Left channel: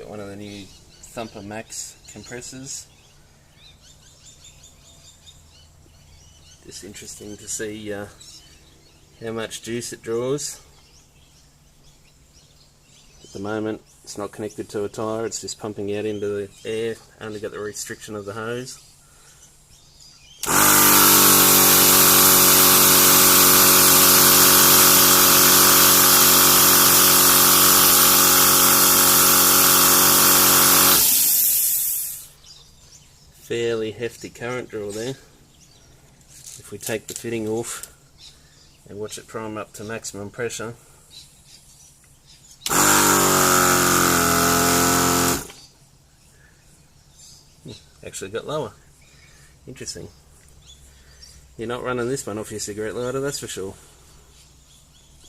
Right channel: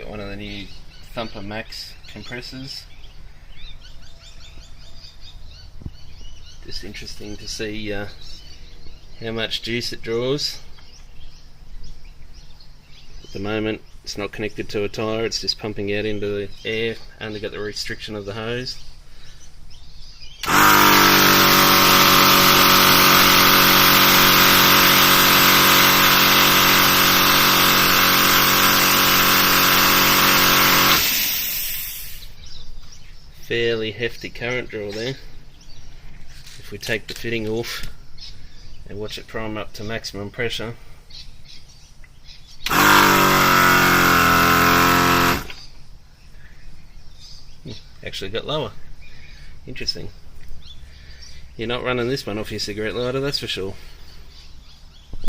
Got one of the new Thumper Max compressors. Just interesting to see how much juice it draws. At the moment it's not connected to a tyre, it's just pumping out into the air, only got the restriction of the hose. Fairly hefty current draw there. If we take the fitting off and watch it prime up to maximum pressure, actually got lower. Interesting. You're not running this one off your cigarette lighter, that's for sure.